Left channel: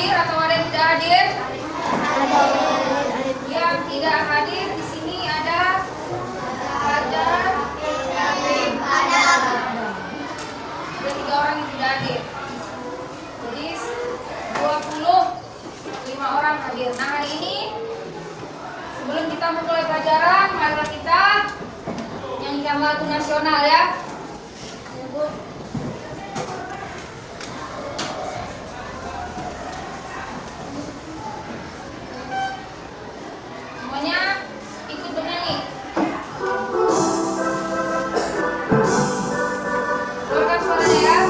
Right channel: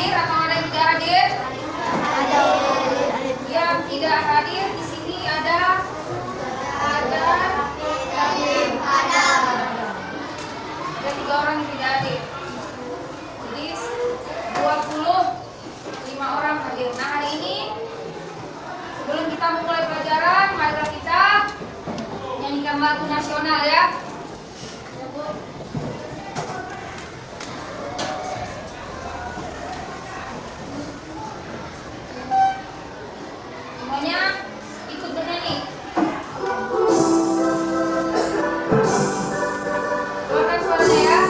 hadir atau ada yang tidak hadir? Yang tidak hadir di sini ada orang yang tidak hadir. Jadi 25 orang hadir. Nah, hari ini sebelum kita memulai pelajaran, mari kita nyanyikan lagu nasional ya. Semuanya ikut bernyanyi. Keluarkan suaranya ya.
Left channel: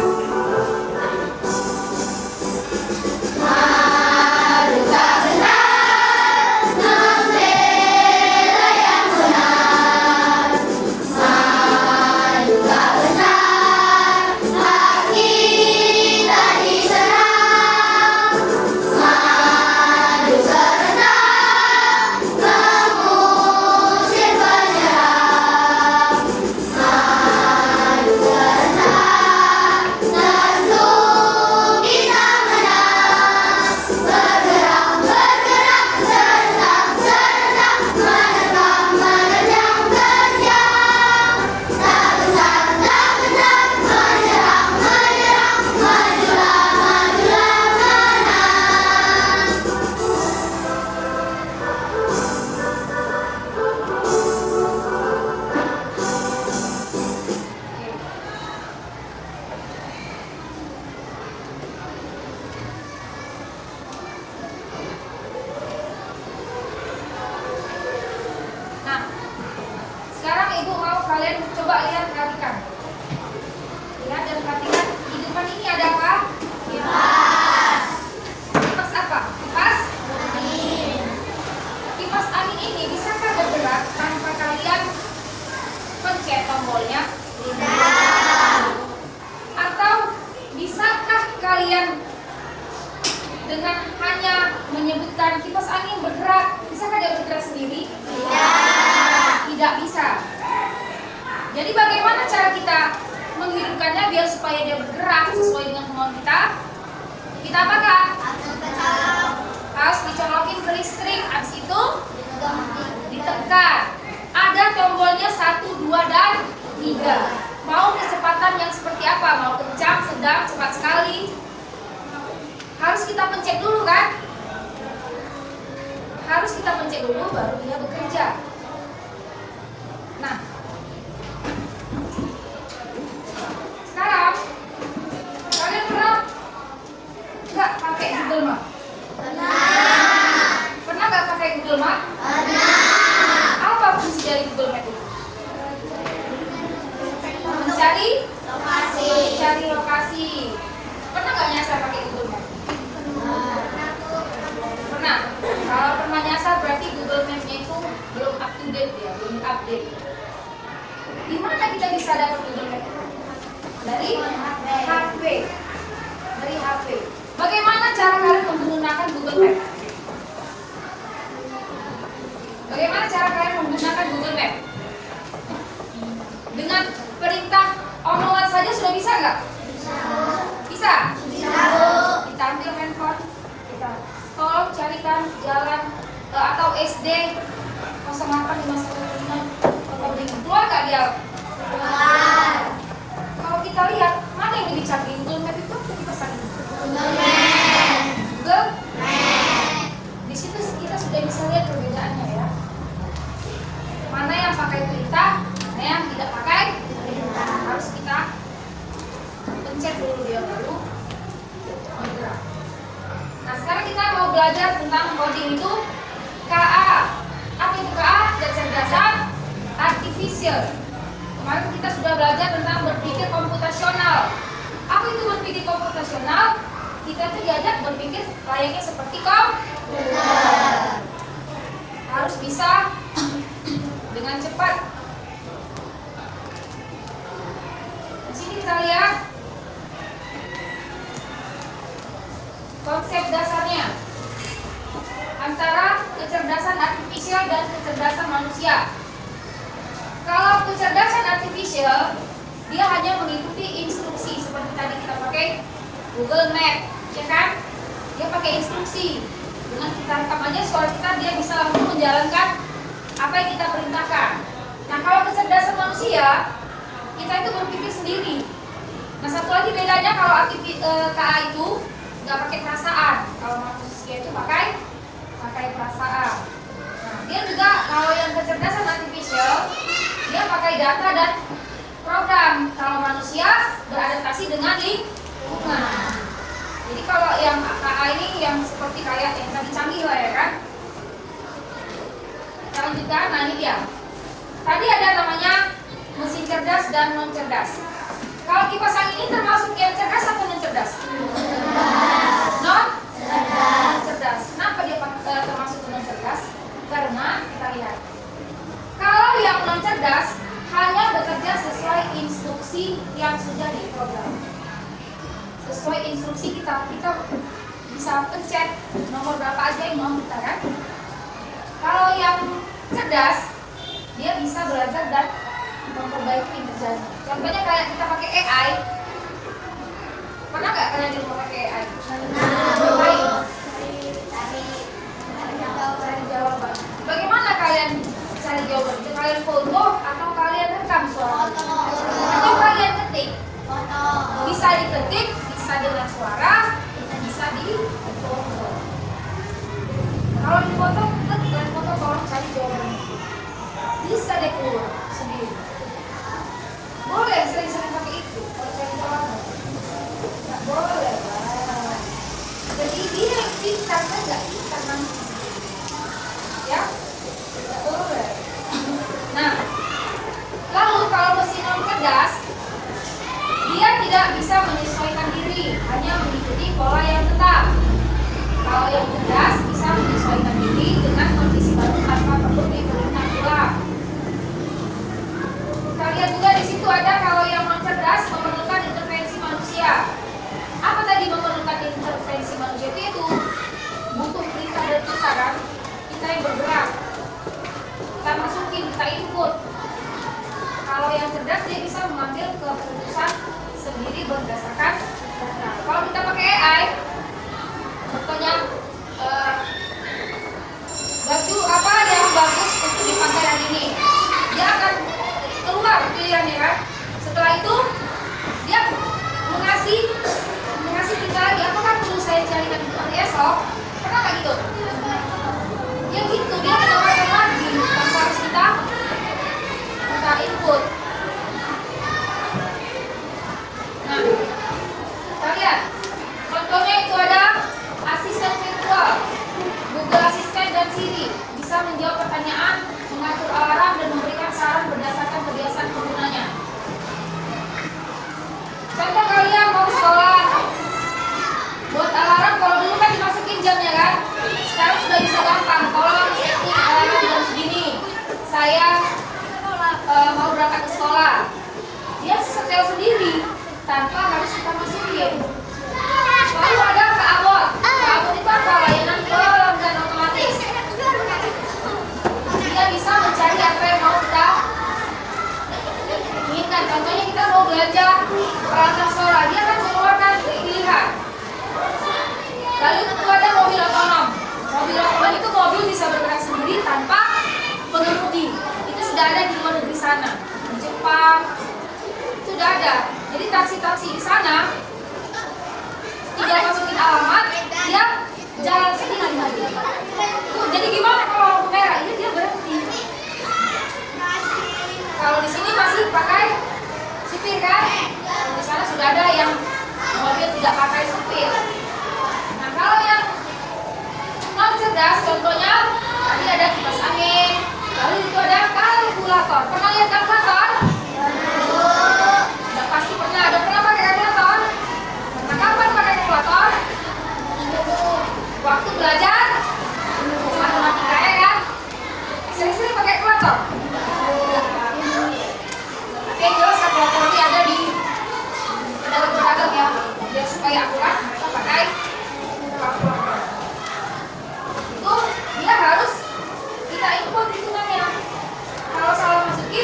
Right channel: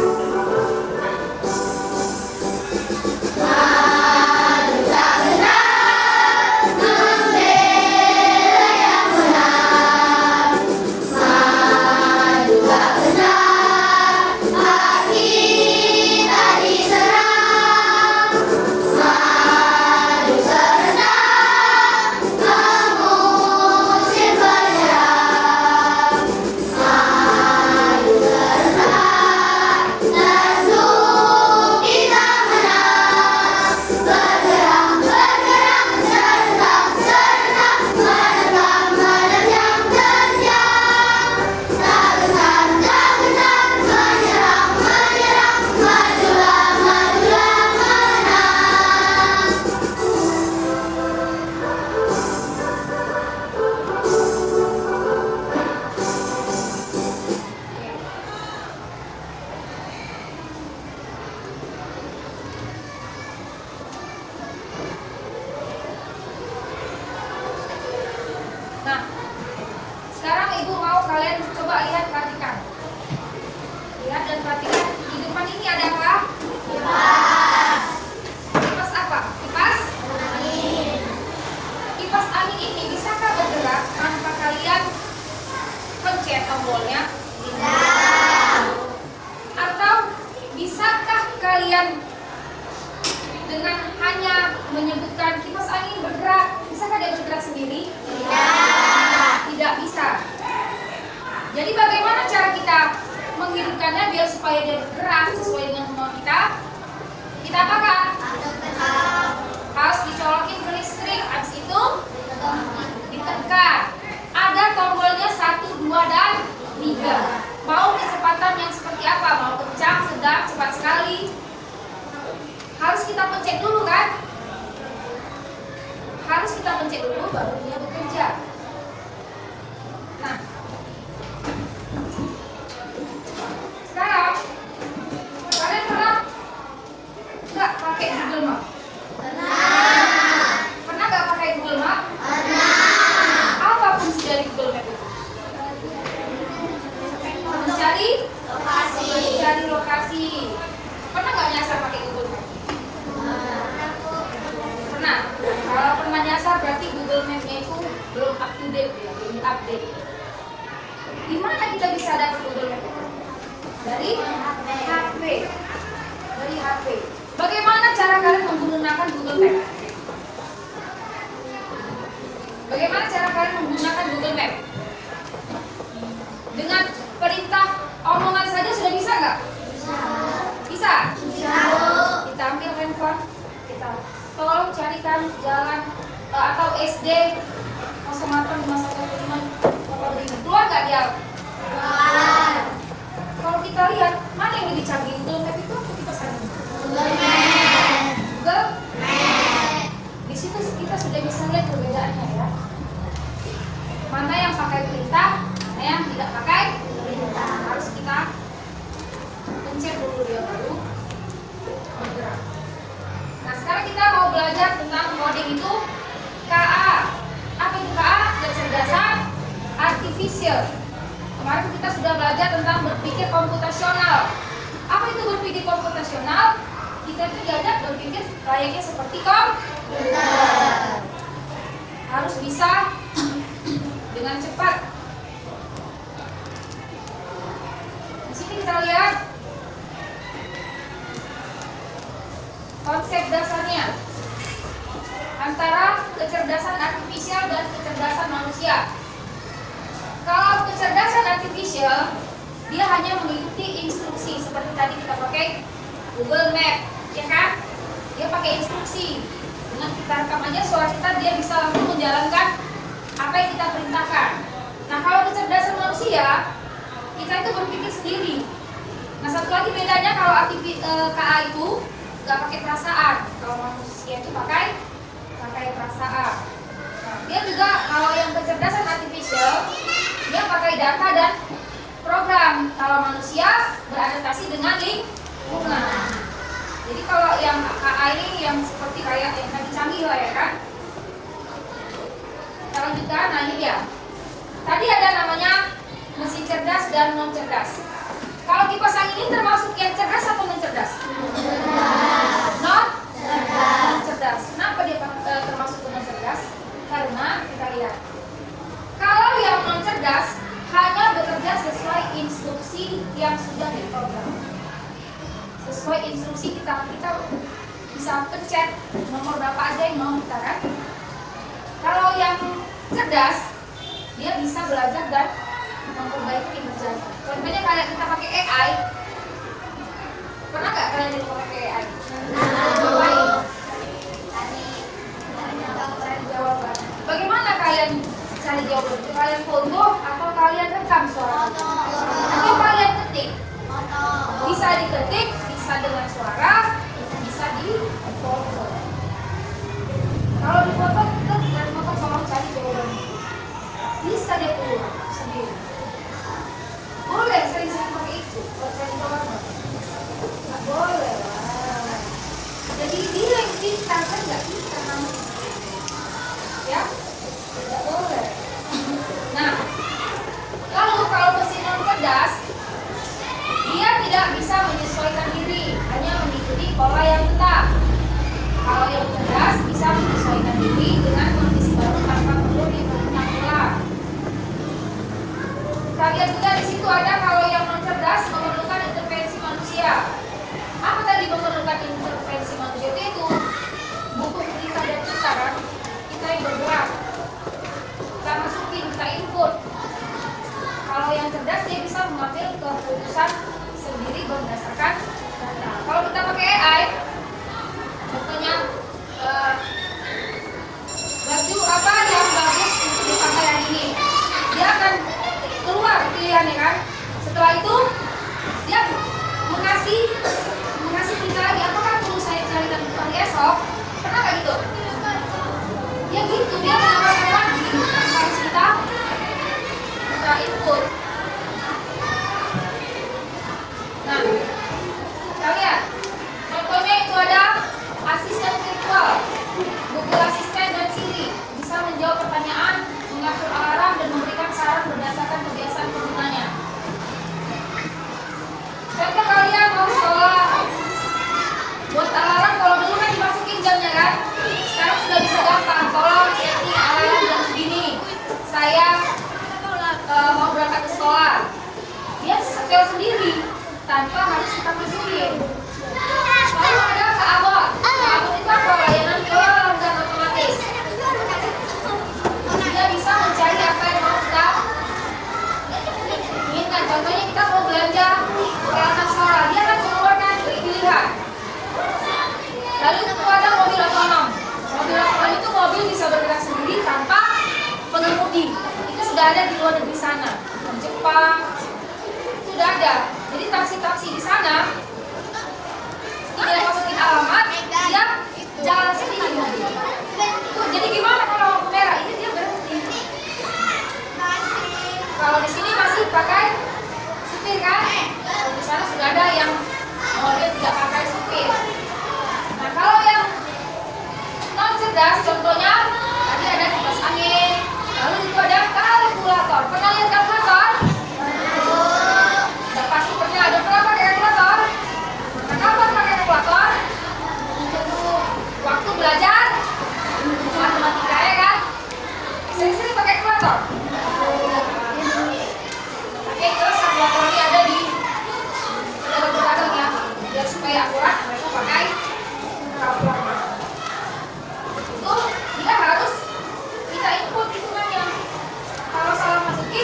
Nah, sekarang ibu mau kalian coba perhatikan. Lihat dan perhatikan. Di depan ini ada apa? Kipas. Kipas apa? Kipas angin. Kipas angin ini bisakah bergerak tanpa kalian pencet tombolnya? Tidak. Atau bisakah kalian dengan hanya menyebutkan kipas angin bergerak, bisakah dia bergerak sendiri? Tidak bisa. Jadi bagaimana cara kita menghidupkannya biar supaya dia bergerak sesuai dengan kemauan kita? Kita apakan? Harus dicolokin ke listrik. Habis itu ditekan. Ada tombolnya 1, 2, dan 3. Mau kecepatan yang seperti apa? Mau kencang, sedang, cepat sekali? Harus kita pencet dulu kan? Harus kita pencet dulu baru dia bekerja. Nah, sekarang kalian pernah nggak pakai Google Map? Pernah. Pernah nggak pakai Google Map? Pernah. Apa fungsi dari Google Map itu? Mencari lokasi. Mencari lokasi. Pernah nggak nyasar pakai Google Map? Pernah. Kalau pernah nyasar berarti Google Map-nya itu belum up to date ya, belum update. Di mana kita bisa dapat Google Map? Dari HP. Dari HP. Bagaimana cara kalian menggunakan Google Map? Bagaimana cara kalian menggunakan Google Map? Dengan perintah omongan saja sudah bisa nggak? Bisa? Bisa. Kita ambil handphone, kita tolong carikan jalan atau SD 08515 keluar nggak dia? Keluar. Kalau kita lihat mana yang lebih canggih, Google Map itu atau kipas angin? Google Map. Google Map. Di situ kita sudah bisa lihat perbedaannya ya. Mana yang pakai perintah, mana yang tidak pakai perintah. Harus kita pencet dulu dia baru bergerak. Nah, sekarang kita mau belajar tentang coding itu KA. Apa itu KA? Kecerdasan artifisial. Kemarin kita sudah belajar tentang berpikir komputasional. Apa itu berpikir komputasional? Kita itu diajak berpikir layaknya seperti komputer. Harus bisa dengan cepat. Di sini kita lihat konsep dasarnya antara kecerdasan artifisial dan kecerdasan manusia. Kalau kecerdasan artifisial, dia hanya mengikuti instruksi seperti tadi kita pakai Google Map, ya kan? dia pakai instruksi. Dengan kita rekam aja suara kita, dia bisa langsung menjalankan apa yang kita perintahkan. Nah, kalau kecerdasan manusia, kita itu berpikir sendiri. Nah, satu lagi bedanya, kalau KA itu nggak pakai perasaan, kalau manusia itu pakai perasaan. Nah, dia juga kalau yang kecerdasan artificial, dia pakai data dan program. Kalau manusia beradaptasi dengan lingkungan. Jadi kalau yang KA ini yang seperti kayak yang tadi canggih lah ya kan. Kita lanjutkan, nah ini dia. Tadi ada namanya mesin cerdas dan non cerdas. Kalau kipas angin ini termasuk yang cerdas atau non cerdas? Non cerdas. Kenapa dia termasuk non cerdas? Karena kita lihat, kalau yang non cerdas hanya bekerja sesuai instruksi yang sudah diprogram. Sesuai instruksi kita bisa pencet nomor berapa aja yang mau kita kan. Kalau yang cerdas, dia bisa belajar dan memperbaiki kerjaan. Contohnya kayak kita pakai AI. Pernah nggak kalian pakai AI? Baik. Cari jawaban. Bagaimana kalian cari jawaban? Itu kalian foto atau kalian rekam suara? Atau kalian ketik? Bisa diketik, bisa dengan suara, bisa di foto. Kalau di foto, kita dengan foto tolong cari jawaban. Bisa deh keluar sendiri. Boleh sering-sering pakai itu. Kalau cari jawaban, nggak boleh. Jadi dia yang pintar kan nggak pintar nanti. Ya, nggak boleh. Nah, lalu kalau mesin yang cerdas, dia tidak bisa menyesuaikan diri, hanya mengikuti pola yang tetap. Kalau yang cerdas bisa menyesuaikan diri dengan kondisi baru tanpa perlu diperintah ulang. Kita lihat juga di situ ada kalau yang non cerdas memerlukan intervensi manusia. Apa tadi memerlukan intervensi manusia itu butuh perintah dari kita kan? Kita yang bergerak, kita masukin, kita input. Kalau yang cerdas dia bisa mengambil keputusan sendiri berdasarkan data. Kalau kita pakai AI, contohnya baju apa yang bagus untuk dipakai hari ini, dia akan keluar pilihannya kan. Setelah itu dia mengasih kita lagi, apakah perlu saya carikan hari esok? Pernah nggak gitu? Ya gitu, dia menawarkan lagi tanpa harus kita input. Nah, kita lihat contohnya itu ada asisten virtual, Google Assistant dan Siri, bisa menjawab pertanyaan, mengatur alarm dan memberikan saran berdasarkan kebiasaan penggunanya. Contoh kalian mau sekolah, buat alarm, kalau dulu kan dimasukin jamnya kan, sekarang sudah bisa gampang. Tolong setting alarm jam segini, saya mau berangkat ke sekolah. Dia setel sendiri tanpa harus kita masukin. Lalu ada Kak Abot. Kak Abot itu apa? Layanan pelanggan otomatis. Dia bisa mencari apa yang mau kita inginkan. Contohnya kita mau belanja peralatan suara, dia akan mengeluarkan pilihan. Lalu itu ada mobil otonom. Mobil otonom itu mobil bisa bergerak sendiri tanpa pengemudi. Itu sudah ada di luar negeri sana, di Jepang sudah ada. Jadi taksi-taksi di sana tinggal masukin alamat, dia jalan sendiri. Tuh, jadi gimana kalau lampu merah ini dia berhenti. Kalau di sini masih pakai supir kan? Kalau di sana sudah ada yang mobil tidak pakai supir. Nah, kalau yang non cerdas, contohnya tadi ada kipas angin, lalu itu ada kalkulator. Pernah lihat kalkulator? Sudah pasti pernah. Ada pernah pakai kalkulator? Nah, kapan pakai kalkulator? Waktu belajar matematika ya kan? Sering-sering pakai kalkulator. Oke, terus kalkulator ini ada di pedagang-pedagang ya, biar supaya akurat pakai kalkulator. Itu dia harus kita input hitungannya. Kalau salah masukin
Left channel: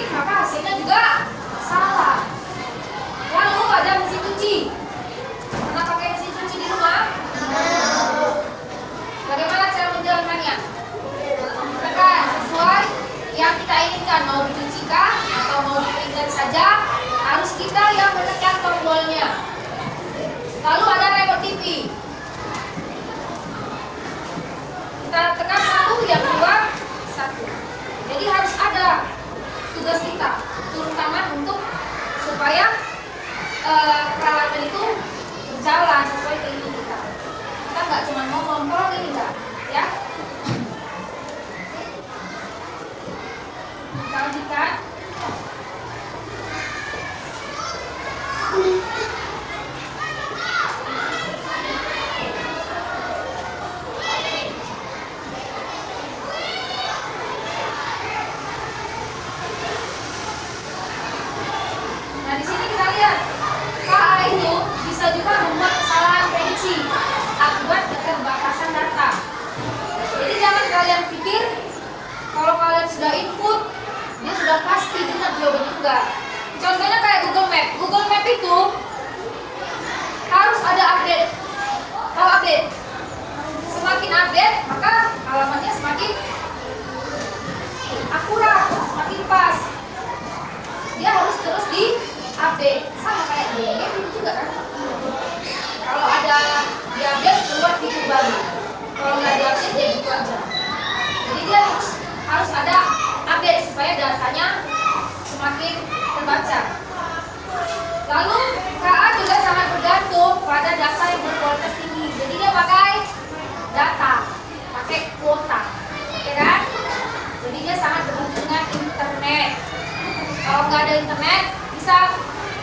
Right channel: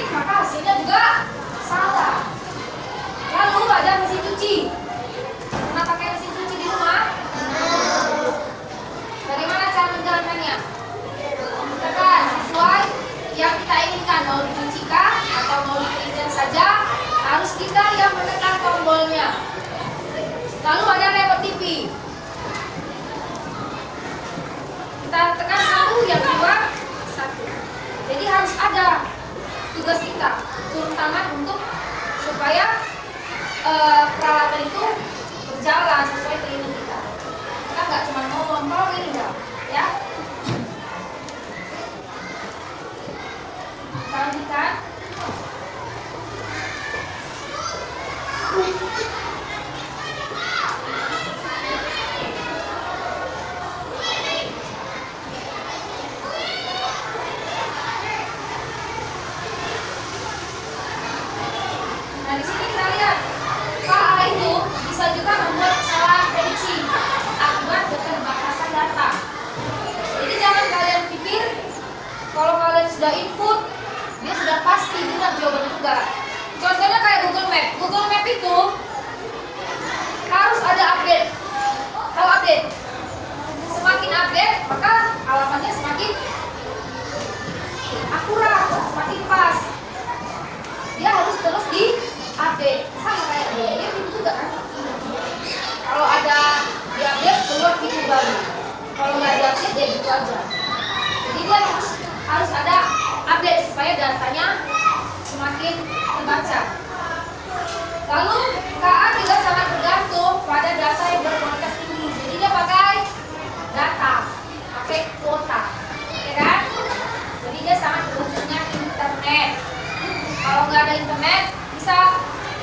tugas kita turun tangan untuk supaya peralatan itu berjalan sesuai keinginan kita. Kita nggak cuma ngomong, kalau ini enggak, ya. Kita lanjutkan. Nah, di sini kita lihat KA itu bisa juga membuat kesalahan prediksi akibat keterbatasan data. Jadi jangan kalian pikir kalau kalian sudah input dia sudah pasti benar jawabannya, enggak. Contohnya kayak Google Map. Google Map itu harus ada update. Kalau update, semakin update maka alamatnya semakin akurat, semakin pas. Dia harus terus di-update. Sama kayak game itu juga kan. Kalau ada di-update keluar fitur baru. Kalau nggak di-update ya gitu aja. Jadi dia harus ada update supaya datanya semakin terbaca. Lalu KA juga sangat bergantung pada data yang berkualitas tinggi. Jadi dia pakai data, pakai kuota, ya kan? Jadi dia sangat bergantung dengan internet. Kalau nggak ada internet bisa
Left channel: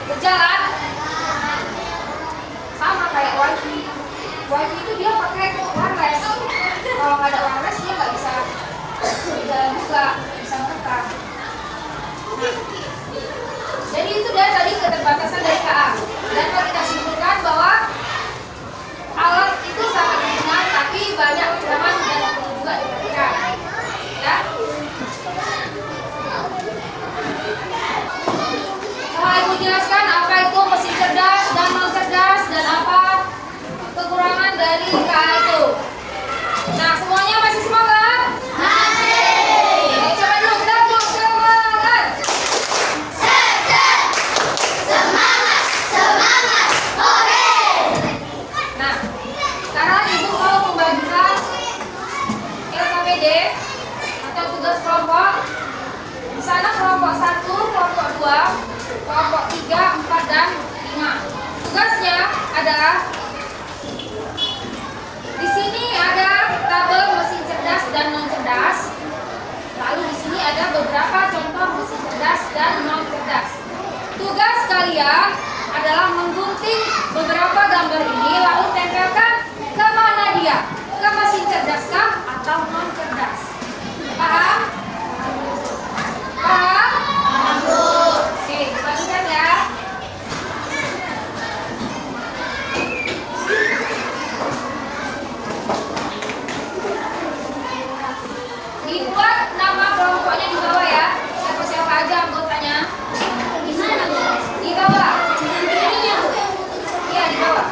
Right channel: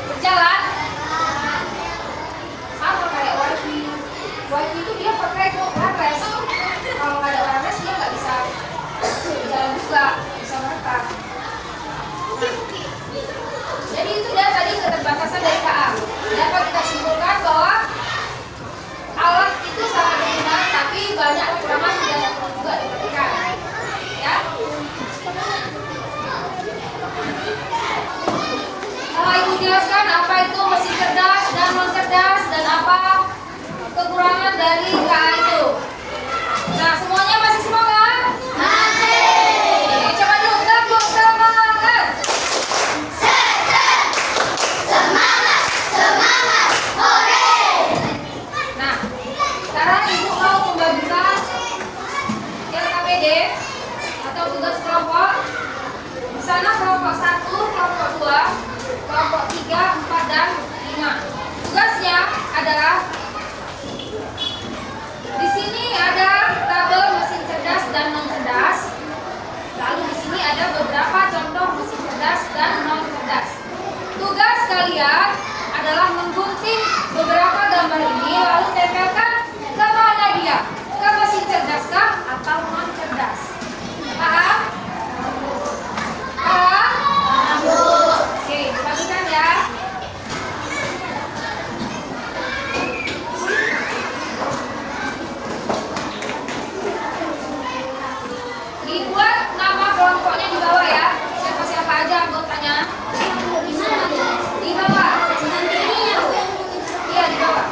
berjalan sama kayak wifi. Wifi itu dia pakai wireless. Kalau nggak ada wireless dia nggak bisa berjalan juga, bisa merata. Jadi itu dia tadi keterbatasan dari KA. Dapat kita simpulkan bahwa alat itu sangat berguna, tapi banyak kekurangan dan perlu juga diperhatikan. Ya. Ibu jelaskan apa itu mesin cerdas dan non cerdas dan apa kekurangan dari KA itu. Nah, semuanya masih semangat? Masih. Coba dulu kita belum semangat. Semangat, oke. Nah, sekarang ibu mau membagikan LKPD atau tugas kelompok. Di sana kelompok 1, kelompok 2, kelompok 3, 4, dan 5. Tugasnya adalah di sini ada tabel mesin cerdas dan non cerdas. Lalu di sini ada beberapa contoh mesin cerdas dan non cerdas. Tugas kalian adalah menggunting beberapa gambar ini lalu tempelkan ke mana dia? Ke mesin cerdaskah atau non cerdas? Paham? Paham? Oke, dibagikan ya. Dibuat nama kelompoknya di bawah ya. Siapa-siapa aja anggotanya. Di bawah. Iya, di bawah.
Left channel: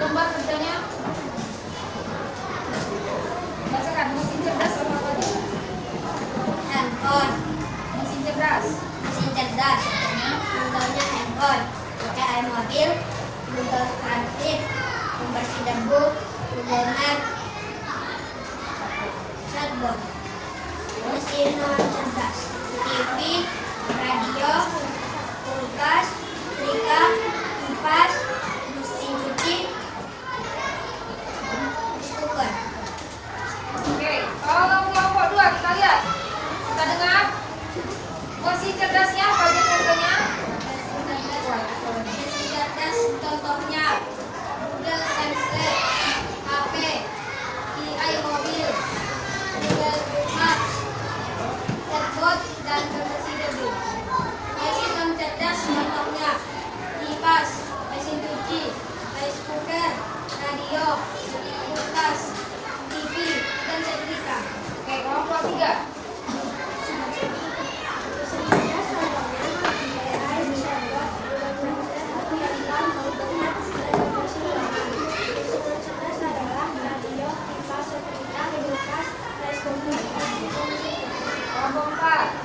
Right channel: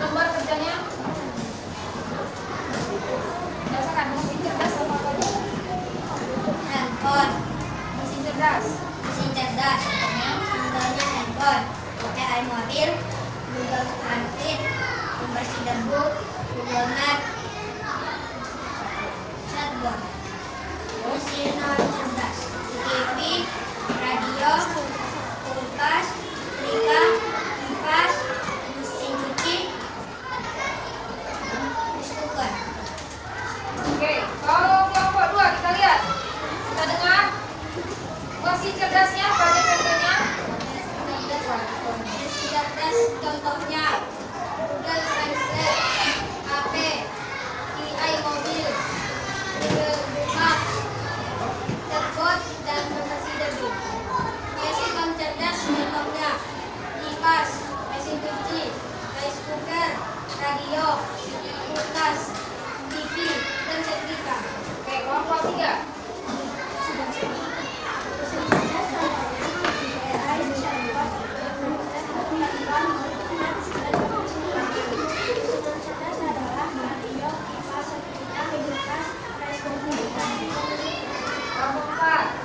lembar kerjanya. Bacakan mesin cerdas sama apa lagi? Handphone. Mesin cerdas. Mesin cerdas. Contohnya handphone. AI mobil. Google Translate. Pembersih debu. Google Map. Chatbot. Mesin non cerdas. TV. Radio. Kulkas. Setrika. Kipas. Mesin cuci. Rice cooker. Oke, kalau kelompok 2 kita lihat. Kita dengar mesin cerdasnya apa aja contohnya? Cerdas contohnya Google Translate, HP, AI mobil, Google Maps, chatbot dan pembersih debu. Mesin non cerdas contohnya kipas, mesin cuci, rice cooker, radio, kulkas, TV dan setrika. Oke, kelompok 3. Kelompok 4.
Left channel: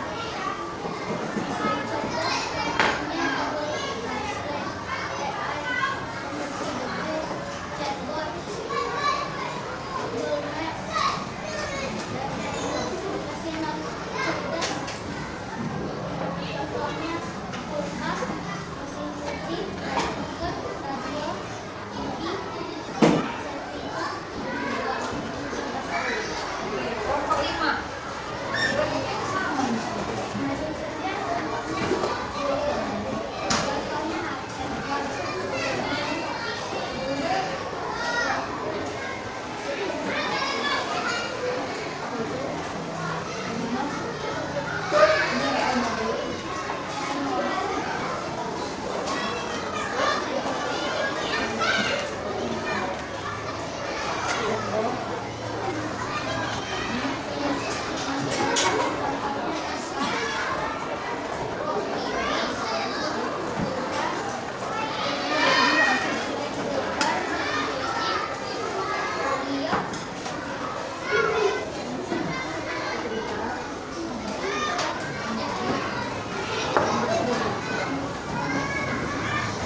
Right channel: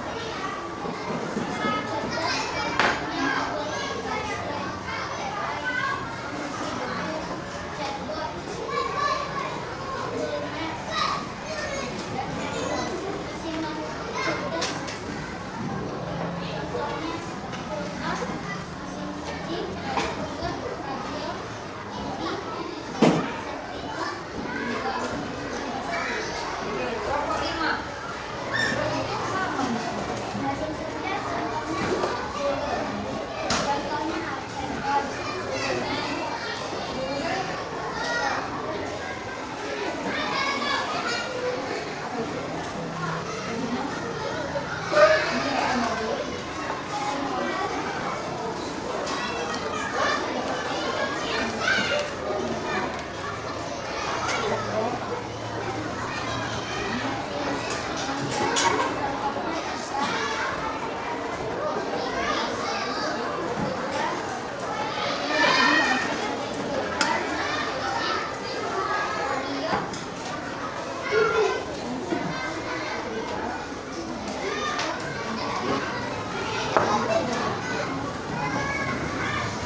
Kelompok 5.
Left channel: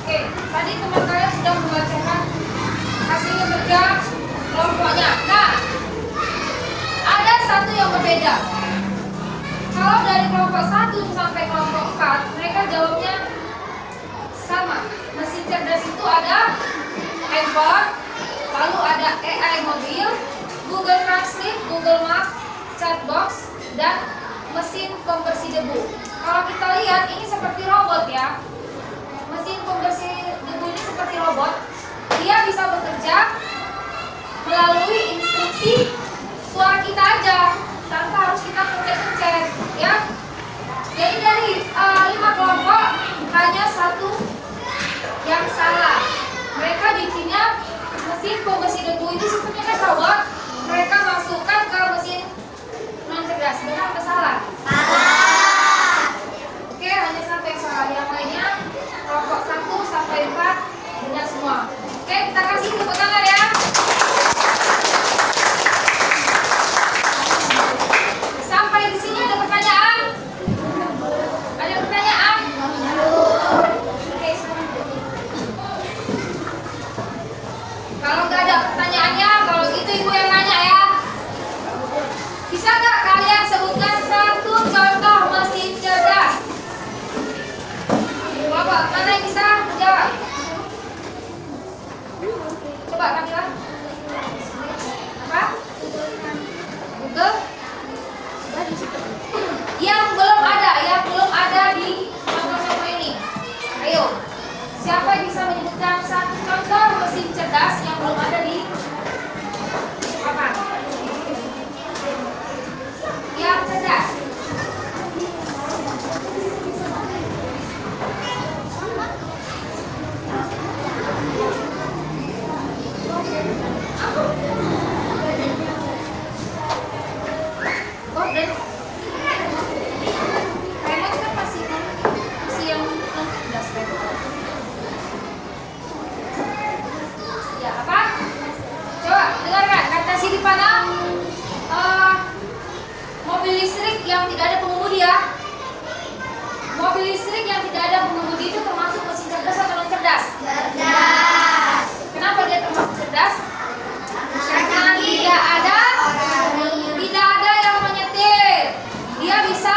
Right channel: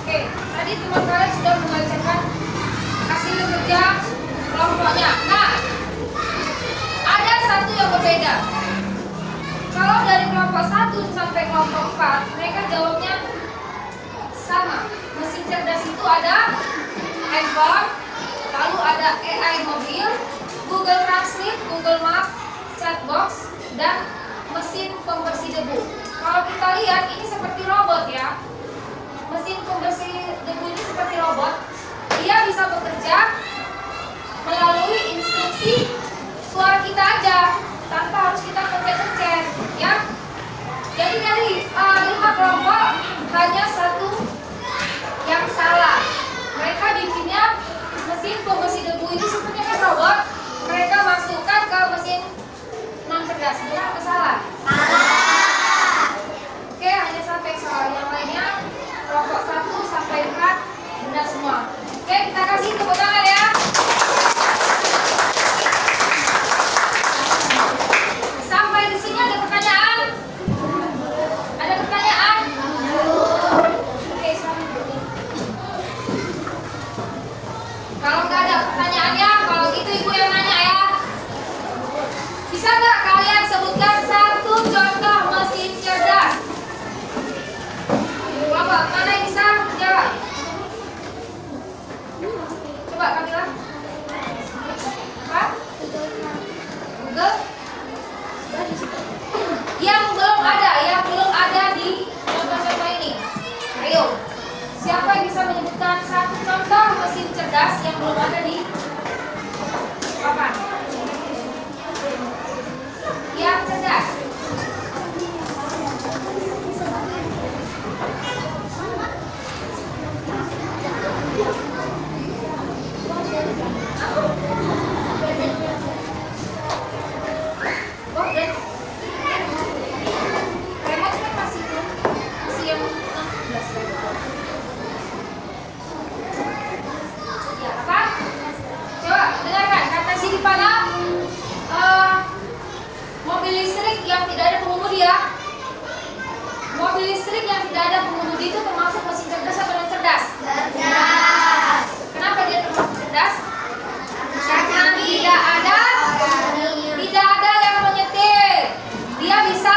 Oke, tadi teman kalian sudah membacakan hasil kerja kelompoknya. Nah, ada satu yang berbeda. Kalau dari kelompok 1 sampai kelompok 4, mereka jawabnya sama. Mesin cerdas itu ada handphone, lalu ada AI mobil, Google Translate, Google Maps, chatbox, dan mesin pembersih debu. Kalau kita lihat ini seperti robot ya. Mesin pembersih debu ini seperti robot. Dia bisa bekerja melalui instruksi suara kita aja, tanpa harus kita pencet-pencet, ya. Jadi dari 5 kelompok hanya satu yang salah. Mereka bikinnya mesin pembersih debu ini sistemnya kan robot. Mereka masukkan ke mesin non cerdas. Benar atau salah? Oke, hanya satu yang salah. Yang lainnya kelompok 1 sampai 4 benar semua. Oke, kita kasih tepuk tangan ya. Sampai di sini ada pertanyaan? Ada pertanyaan? Oke, kalau nggak ada pertanyaannya, kalau gitu ibu yang nanya ya. Bisa nggak kalian sebutkan satu contoh mesin cerdas? Bapak, mana yang bisa jawab? Coba Kamila. Apa? Google? Yang belum ada di contoh-contoh ini. Ayo, siapa yang bisa menyebutkan satu contoh mesin cerdas yang belum ada di papan? Yang cerdas. Gorden. Remote kan masih yang 16 remote. Ya, apa mana mobil listrik yang tidak ada pengemudi ya. Mobil listrik yang tidak ada pengemudi itu termasuk mesin cerdas atau non cerdas? Cerdas. Kenapa dia termasuk cerdas? Karena tidak ada yang menyetir. Dia bisa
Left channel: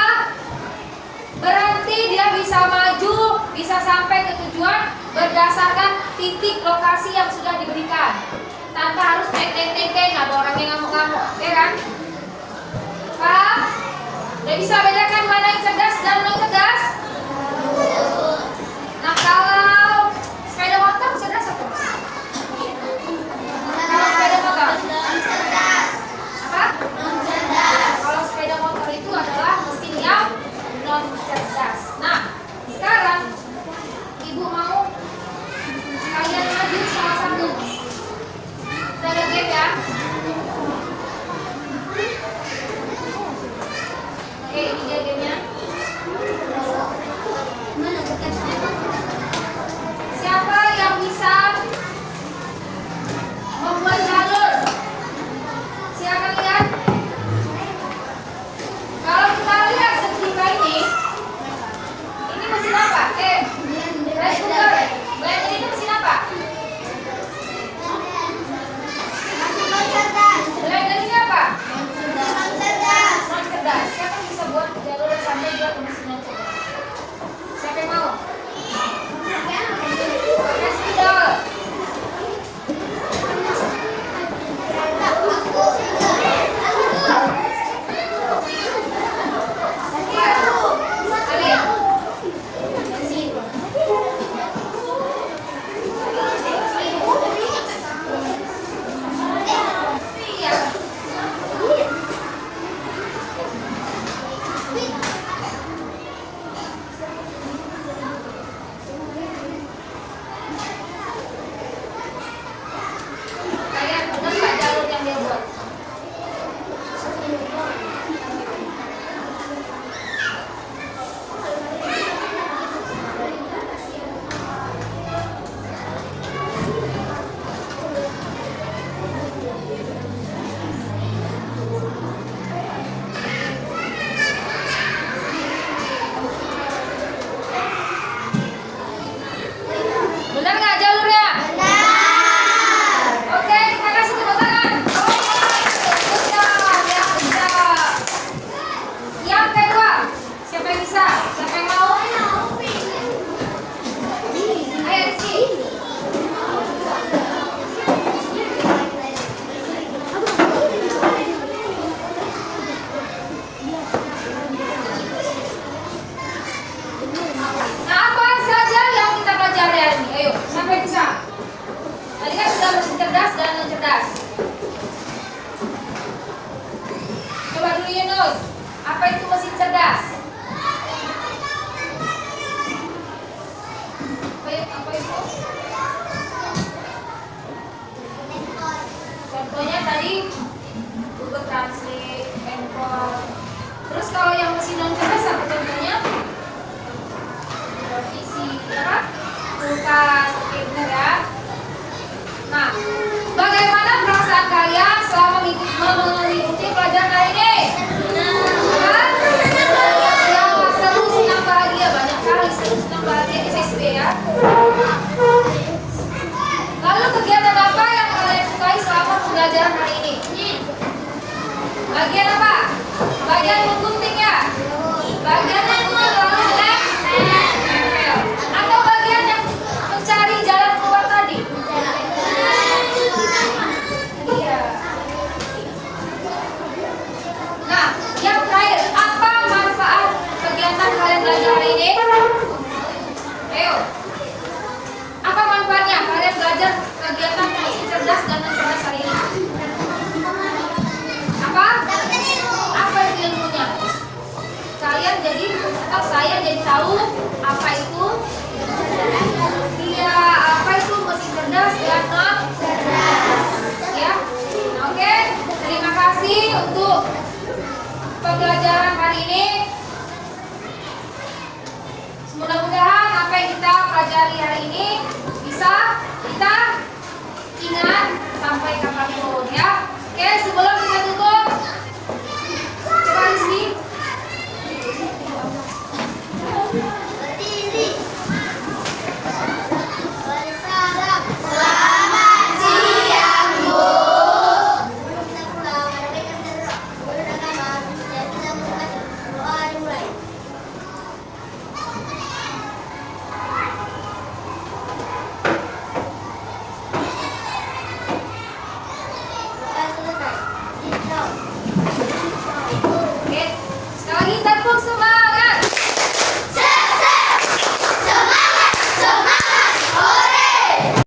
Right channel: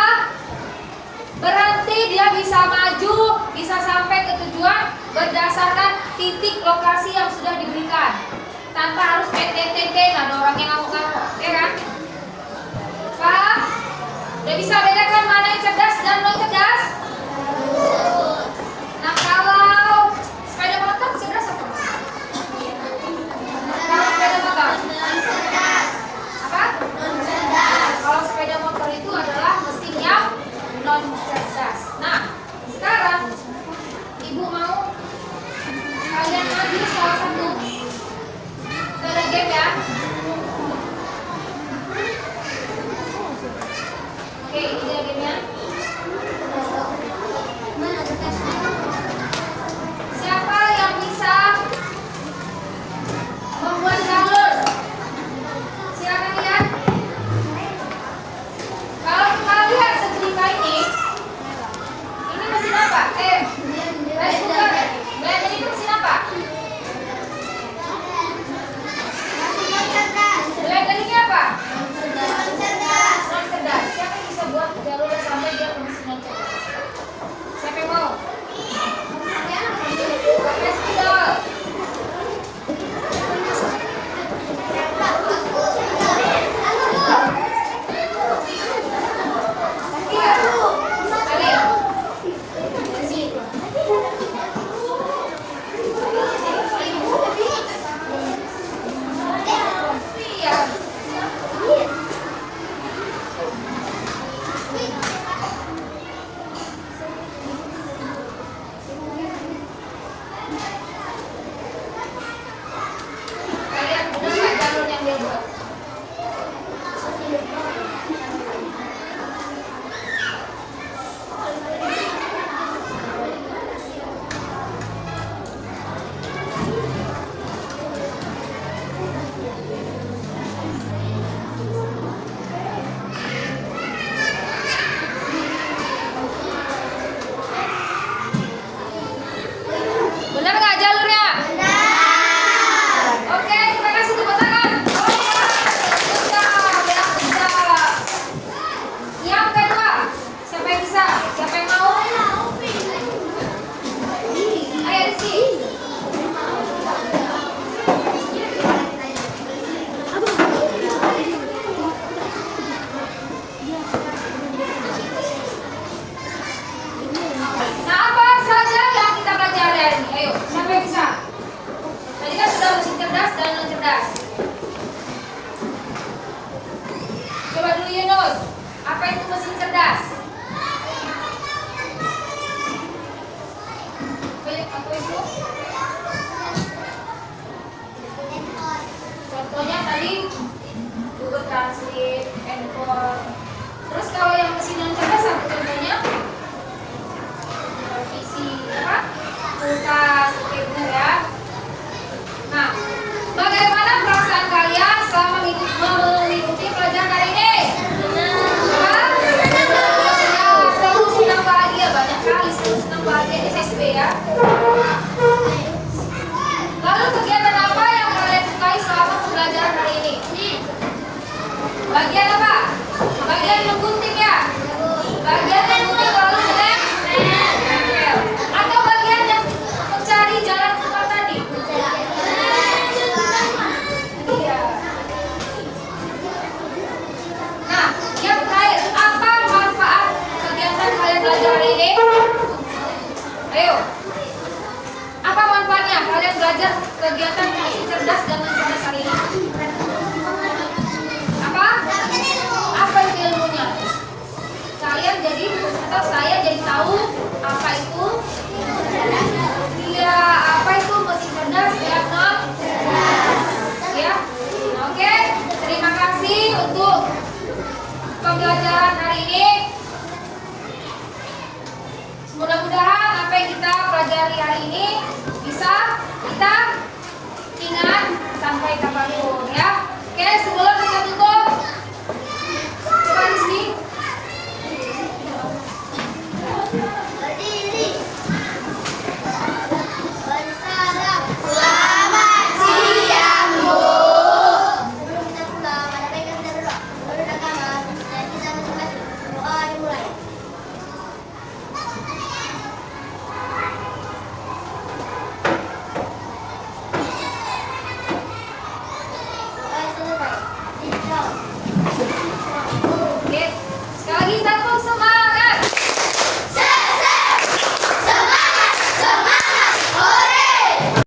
berhenti, dia bisa maju, bisa sampai ke tujuan berdasarkan titik lokasi yang sudah diberikan. Tanpa harus teng ada orang yang ngamuk-ngamuk, ya kan? Paham? Udah bisa bedakan mana yang cerdas dan non cerdas? Nah, kalau sepeda motor cerdas atau enggak? Kalau sepeda motor apa? Kalau sepeda motor itu adalah mesin yang non cerdas. Nah, sekarang ibu mau kalian maju salah satu. Kita ada game ya. Oke, ini dia gamenya. Siapa yang bisa membuat jalur? Silakan lihat. Kalau kita lihat setrika ini mesin apa? Rice cooker. Blender itu mesin apa? Blender ini apa? Non cerdas. Siapa yang bisa buat jalur sampai dia ke mesin non cerdas? Siapa yang mau? Pakai spidol. Benar nggak jalurnya? Oke, kita kasih tepuk tangan. Yang kedua, siapa yang bisa? Siapa yang mau? Ayo Rizky. Nah, apa saja yang kita pelajari hari ini? Ayo, siapa yang bisa? Tadi kan sudah mesin cerdas dan non cerdas. Coba dulu Yunus, apa itu mesin cerdas? Apa itu? Contohnya tadi Google Translate, handphone. Terus kalau yang mesin non cerdas apa contohnya? Televisi, apa? Kulkas, oke benar ya. Nah, bagaimana perasaan kalian selama mengikuti pelajaran hari ini? Hah? Ya, seru, senang, bahagia, banyak kali seru, senang, bahagia SSB ya. Lalu kegiatan apa yang kalian sukai selama pembelajaran hari ini? Bagian apa? Bagian menggunting ya? Bagian menggunting lalu nempel. Atau bagian yang mencari jalan keluar tadi? Iya. Nah, yang terakhir, apa manfaat kegiatan kalian belajar hari ini? Ayo. Apa manfaatnya kalian belajar kegiatan mesin cerdas dan non cerdas hari ini? Apa? Apa itu ilmunya? Kalian jadi atau saya jadi tahu apa itu? Iya, apa itu mesin cerdas dan non cerdas? Ya, oke. Terima kasih untuk pembelajaran hari ini. Mudah-mudahan apa yang kita pelajari hari ini bisa kita ingat sampai